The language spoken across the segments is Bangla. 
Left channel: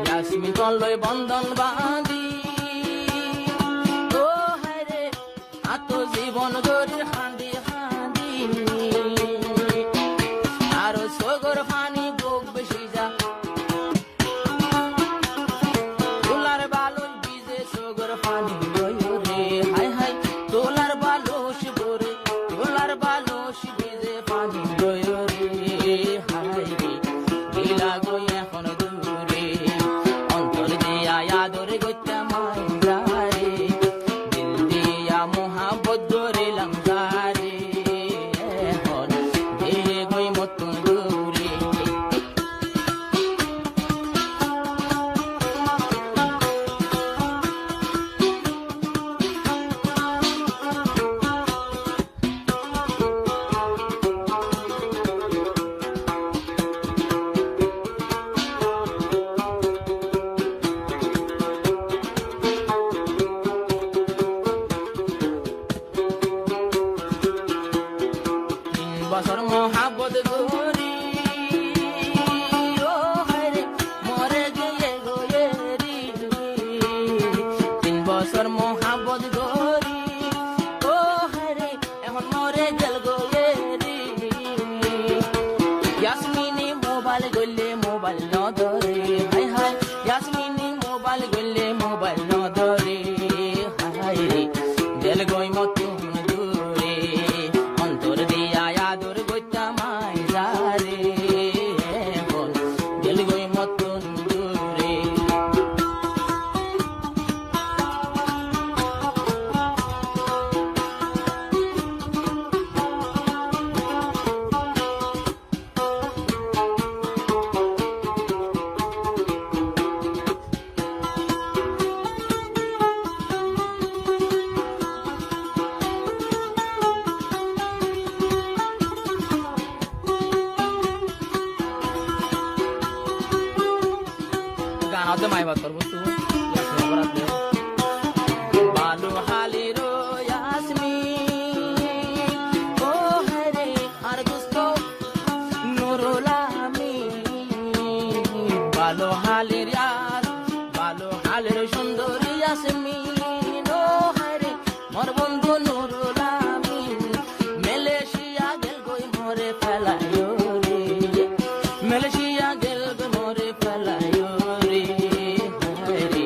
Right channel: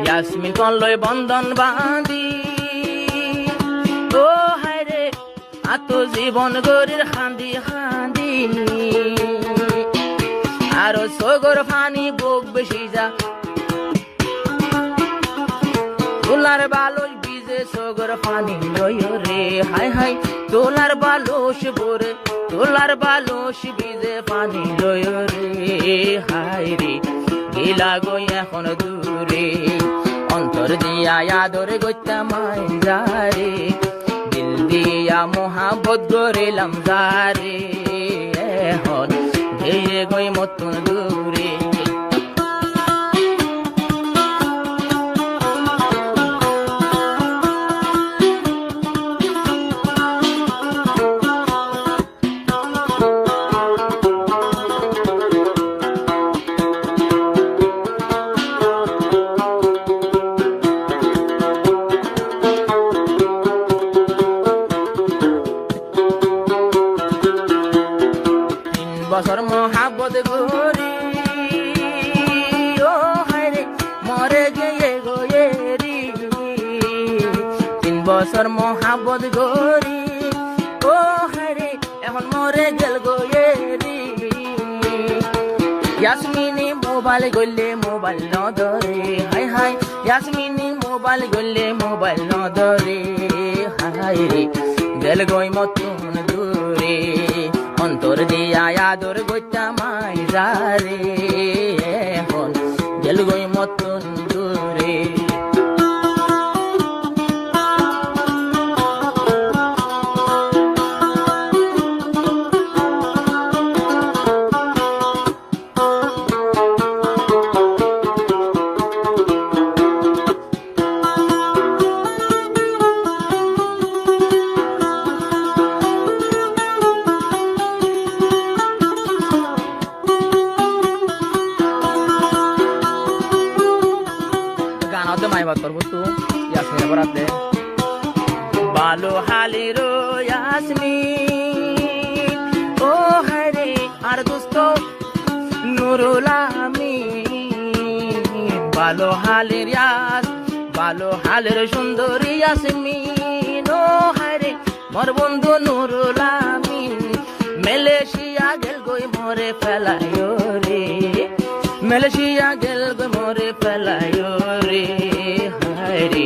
ইয়াসমিন কলয় বন্ধন বাঁধি ও হায় রে আত জীবন গরির হাঁদি হাঁদি আরো সগর ফানি বুক বেশি যা তোলার বালুস বিজে সগর ফানি রয় রে হায় হায় তোলার বালুস ভরে তোলার বালুস বিজে পানি রয় রে হায় রে গিলা গই এখন দূরে অন্তর দিয়া আদর গইতা মাইজারে দিল দিয়া মোহাব্বত গরিলাম গারে এখন ধীরে গই মতন দূরে বছর মহাবত গরি ও হায়রে মরে গিয়ে গোয়েরি 3 বছর মহাবত গরি ও হায়রে এখন মরে গেল গোয়েরি ইয়াসমিনি মোবাইল গলে মোবাইল ন ধরে হায় হায় ইয়াসমিনি মোবাইল গলে মোবাইল ন ধরে হায় রে গেল গই মতন দূরে অন্তর দিয়া আদর গইতা মাইজারে এখন গেল গই মতন দূরে গানাতে মাই বাত করবো তো ইয়াসমিন বরাতে বালো হালিরো ইয়াসমিন ও হায়রে আর দোস্ত নুরুল আমিন বালো হালির ইয়াস বালো হালির সুন্দরী ইয়াসমিন ও হায়রে মোর বন্ধু নুরুল আমিন মালয়েশিয়া গেল গই মরে ফেলায়ো রে মালয়েশিয়া গেল গই মরে ফেলায়ো রে হায় রে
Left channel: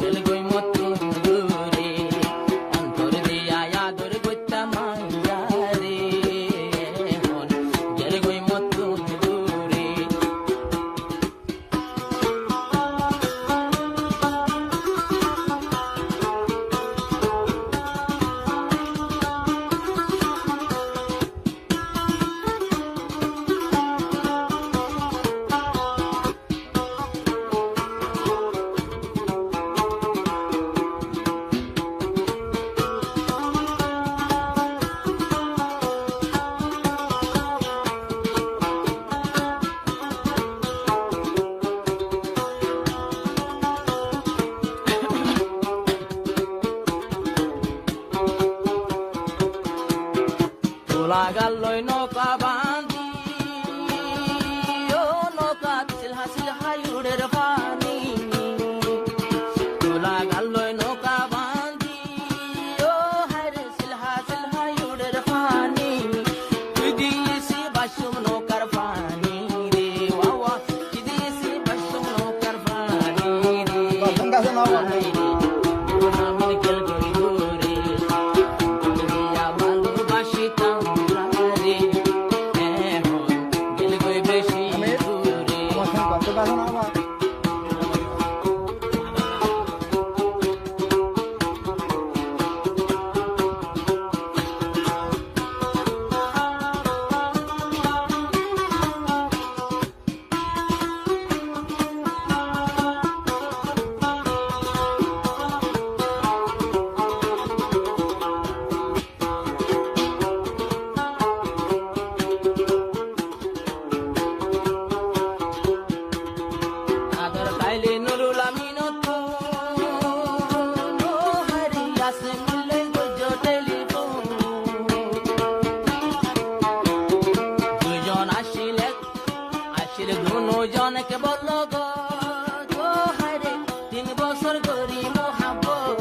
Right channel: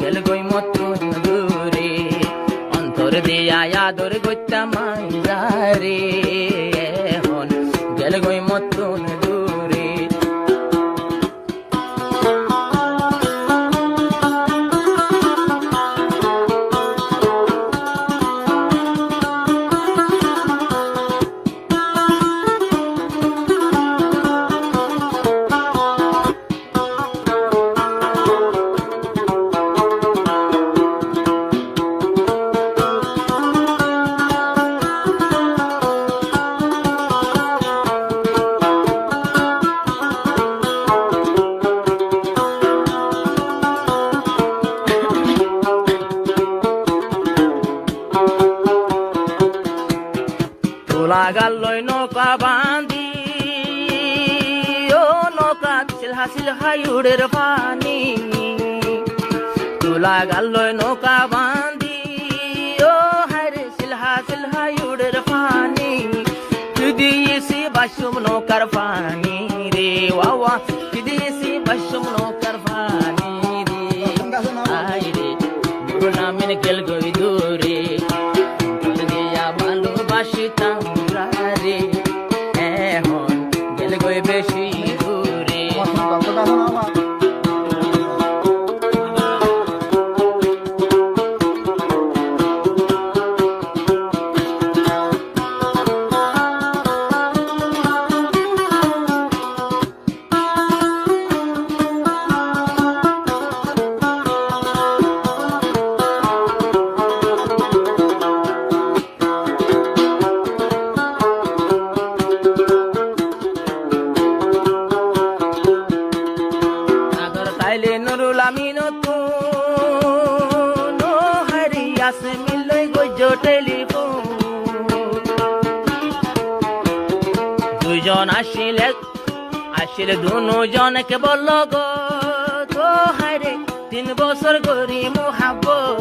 গেল গই মতন দূরে অন্তর দিয়া আদর গইতা মাইজারে এখন গেল গই মতন দূরে তোলা গাল্লই নৌকা বাঁধি ও নৌকা সিলহা সিলহা উড়ের পানি তোলা গাল্লই নৌকা বাঁধি ও হায়রে সিলহা সিলহা উড়ের পানি দিয়েছি বাসুম নৌকার পানি রে ওয়া দিয়েছি বাসুম নৌকার পানি রে নামিন গেল গই দূরে দিয়া ভালোবাসিতাম বেশি দূরে দুজন আসিলে আসিলে দুজনকে বলল গো 3 বছর করি মোহাব্বত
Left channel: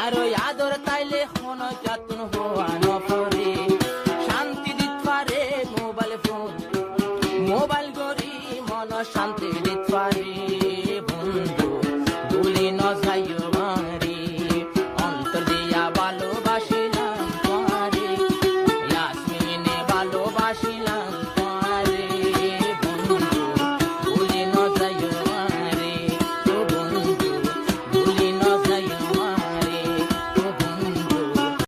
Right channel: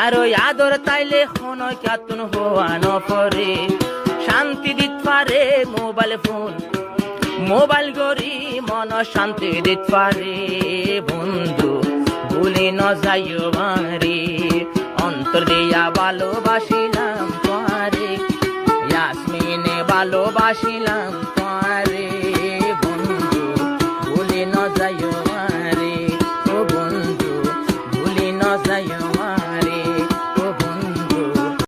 আর ওই আদর তাইলে হন কাতুন হওয়া নপরে শান্তি দিত পারে মোবাইল ফোন মোবাইল গরি মন শান্তি দিত পারে বন্ধু ভুলি ন যাইও